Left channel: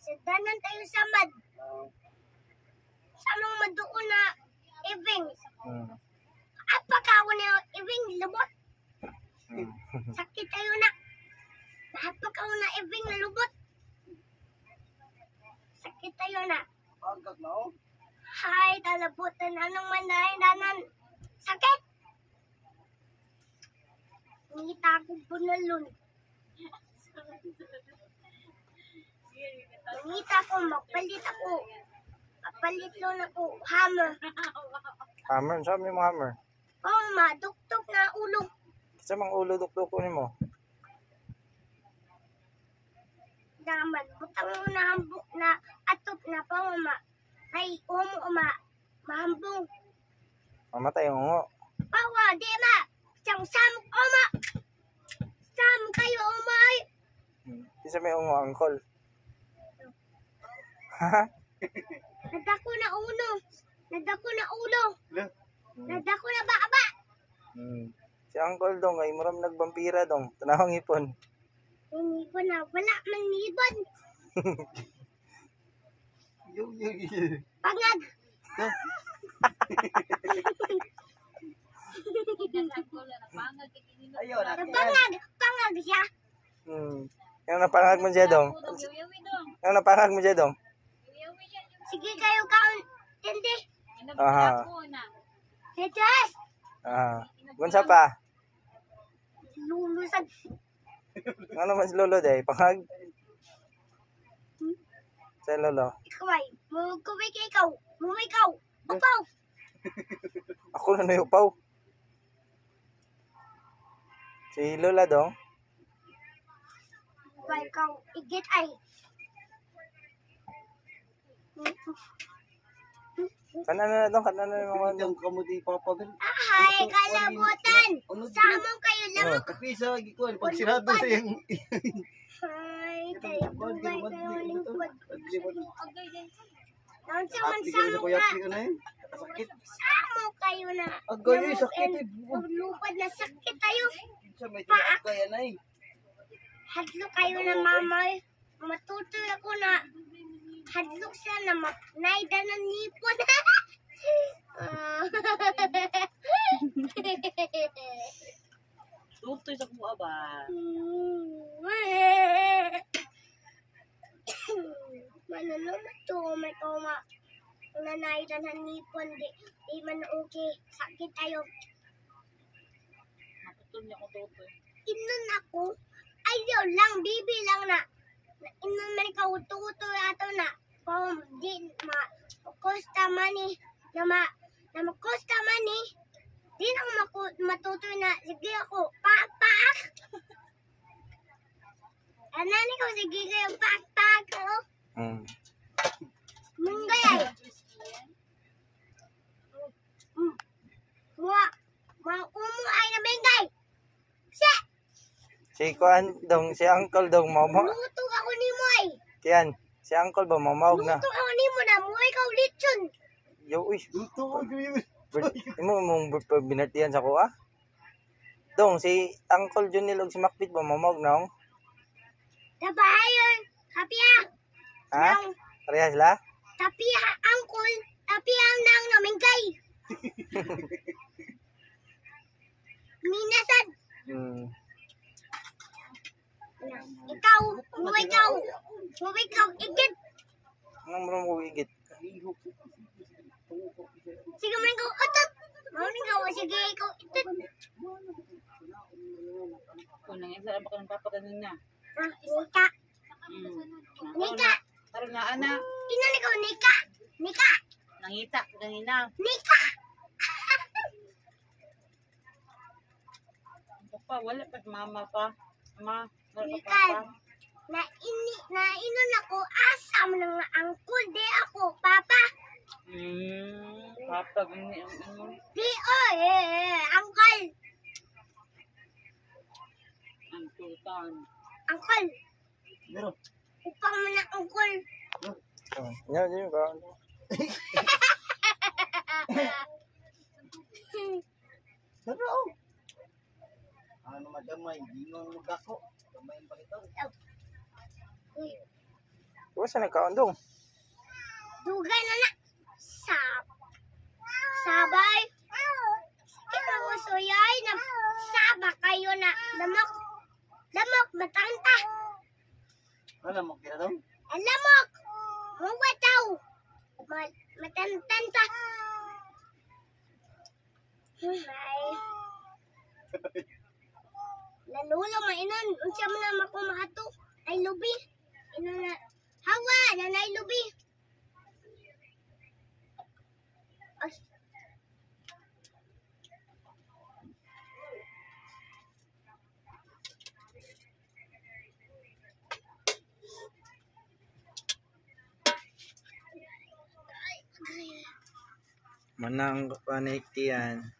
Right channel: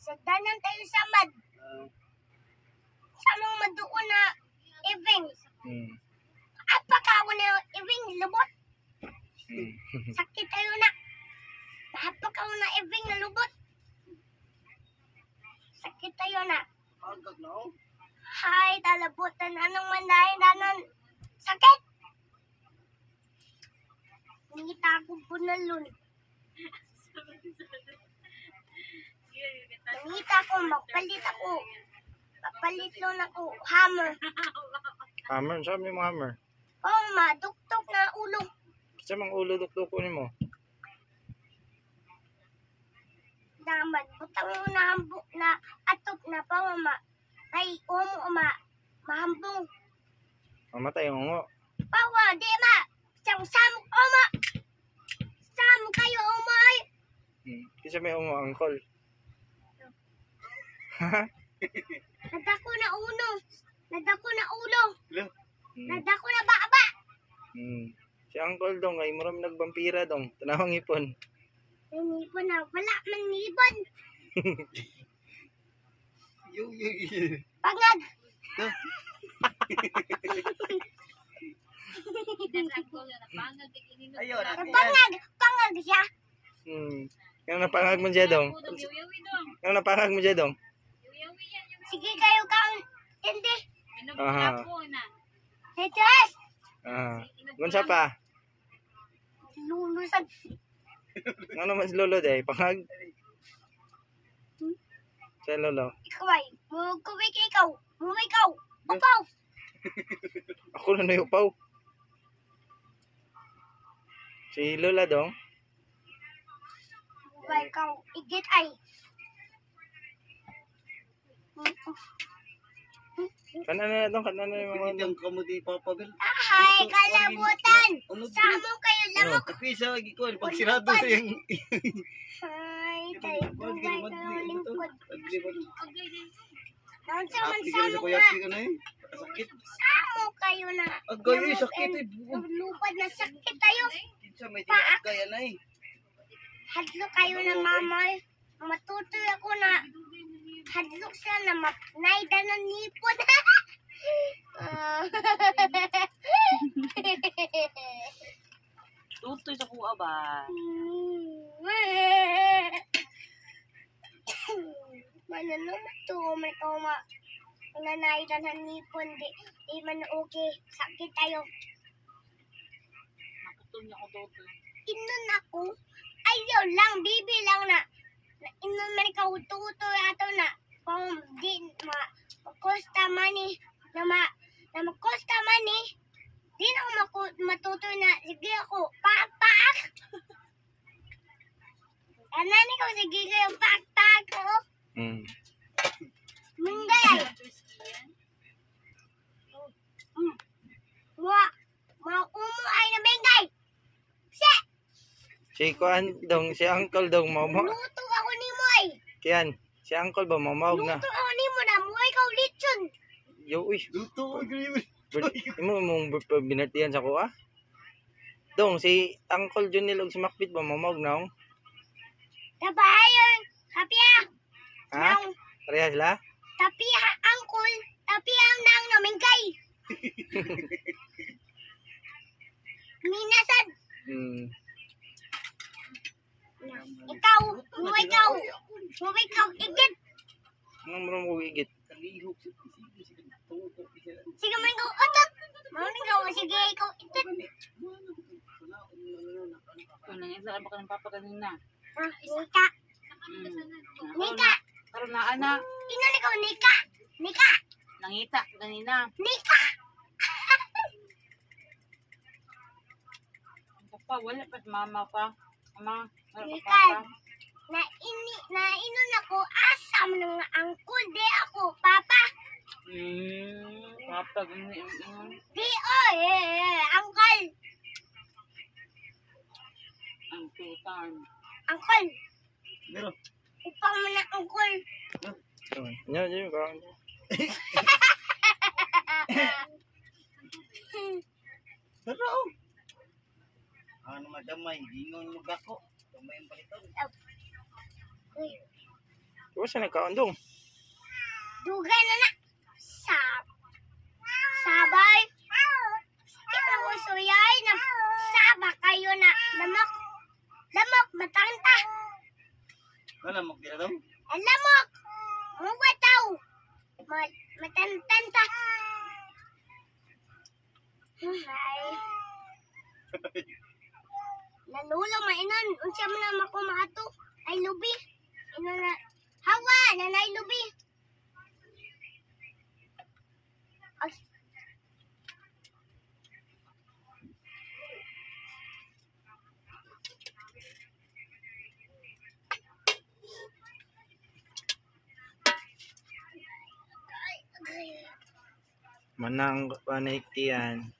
Sa danan tayo sa mad. Sa nung maduon na eving. Apaka ako na eving lubot. Sakit tayo na. Apaka ako na eving na lubot. Sakit tayo na. Hay, talabutan. Anong mandahin danan? Sakit! Ngita akong punalun. Ngita ako, mapalit ako. Mapalit lang ako, hammer. Hammer? Saan mo yung hammer? Oh, maduktok na ulo. Kasi mga ulo dukduk kunin mo. Daman, butang mo na hambok na atop na pa, mama. Ay, mahambong. Mamatay yung ungo. Pawa, di ma. Samok, oma. Samok kayo, oma. Kasi may ungo, angkol. Nadako na ulo. Nadako na ulo. Nadako na baba. Si angkol dong, ay muram nagbampira dong. Tanawang ipon. Nangipon na. Wala man nibon. Pangag. Pangag siya. Ano napangag mo siya dong? Ano napangag mo siya dong? Sige kayo kaon. Hindi. Aha. Tetes. Gunsa pa? Lulusag. Ano mas lolo day? Pangag? Sa lolo? Ikaw ay. Mugkuwik ikaw. Ikaw. Upaw. Ako na nayupaw. Si lola dong? Ikaw. Igit ay. Kanana na dong, kanana na mga Yung kamu di Papa Bel. Ahay, kalabutan. Samo kayo lang. Kapisa lagi ko pag sirado sa yung Ay, kayo bugay kayo lingkod. Naon sa man Ati samo ko kuya nga. ka na yun. Sakit. Samo kayo na. Agay sakit eh. Lupad na sakit tayo. Kinsa may tiyak kaya na eh. Hadlo kayo na mamay. Matutoy ako na. Hadlok siya na mapnayda ng nipon. Tutoy sa kuha ba? Manano na to. May kauma. Nanayda ng nipon. Di man okay. Sakit tayo. Nakatun niya ko tutoy. Inon ako. Ayaw lang. Bibi lang na. Inon man ikaw uto-uto ato na. Kung di ma-costa money. Na ma-costa money. Di na ako matutoy na. Sige ako. Paak. Anani ko. Sige kayo. Paak. Munggay ay. Maumo ay na bengay. Si kuan dong, si uncle dong momo. Luto ako ni mo ay. Kiyan, si uncle ba mamawag na? Luto ako ni mo na. Muhay ka ulit yun. Yo, uy. Luto ko yun. Imo mong binartihan sa kuha? Dong, si Uncle John nilog si Macbeth ba mamawag na? Nabahayon. Kapya. Ha? Pareha sila? Kapya angkol. Kapya ang nang namingkay. Minasan. Ikaw. Muhay ka. Igit. Ano mo mo igit? Sige man ikaw utot. Maraming ka. Sige ikaw itot. Kung nang isa ba ka ng papa kanina? Nika. Karon na ana. Tingnan ikaw, Nika. Nangita kanina. Nika. Papa, wala pa mama pa. Mama, wala pa Nika. papa. Nainon ako. Asam ng angkol. Di ako, Papa. Papa, gani. Di, angkol. Ang tutan. Angkol. Pero, Upang mo na angkol. Nya ka. pero. Ano madamay, gingon mo gako. Damay ang palitan. Kung saan nagkaon dong? Dugay na na. Sabay. Sakit ang usuyay na saba kayo na lamok. Lamok, matanta. Wala mo kira daw. Ang lamok. Mawataw. Matantanta. Ay. Nanulo mainon. Unsa man na makumato. Ay lubi. Ino na. Hawa, nanay lubi. Ay. Manang panik yan.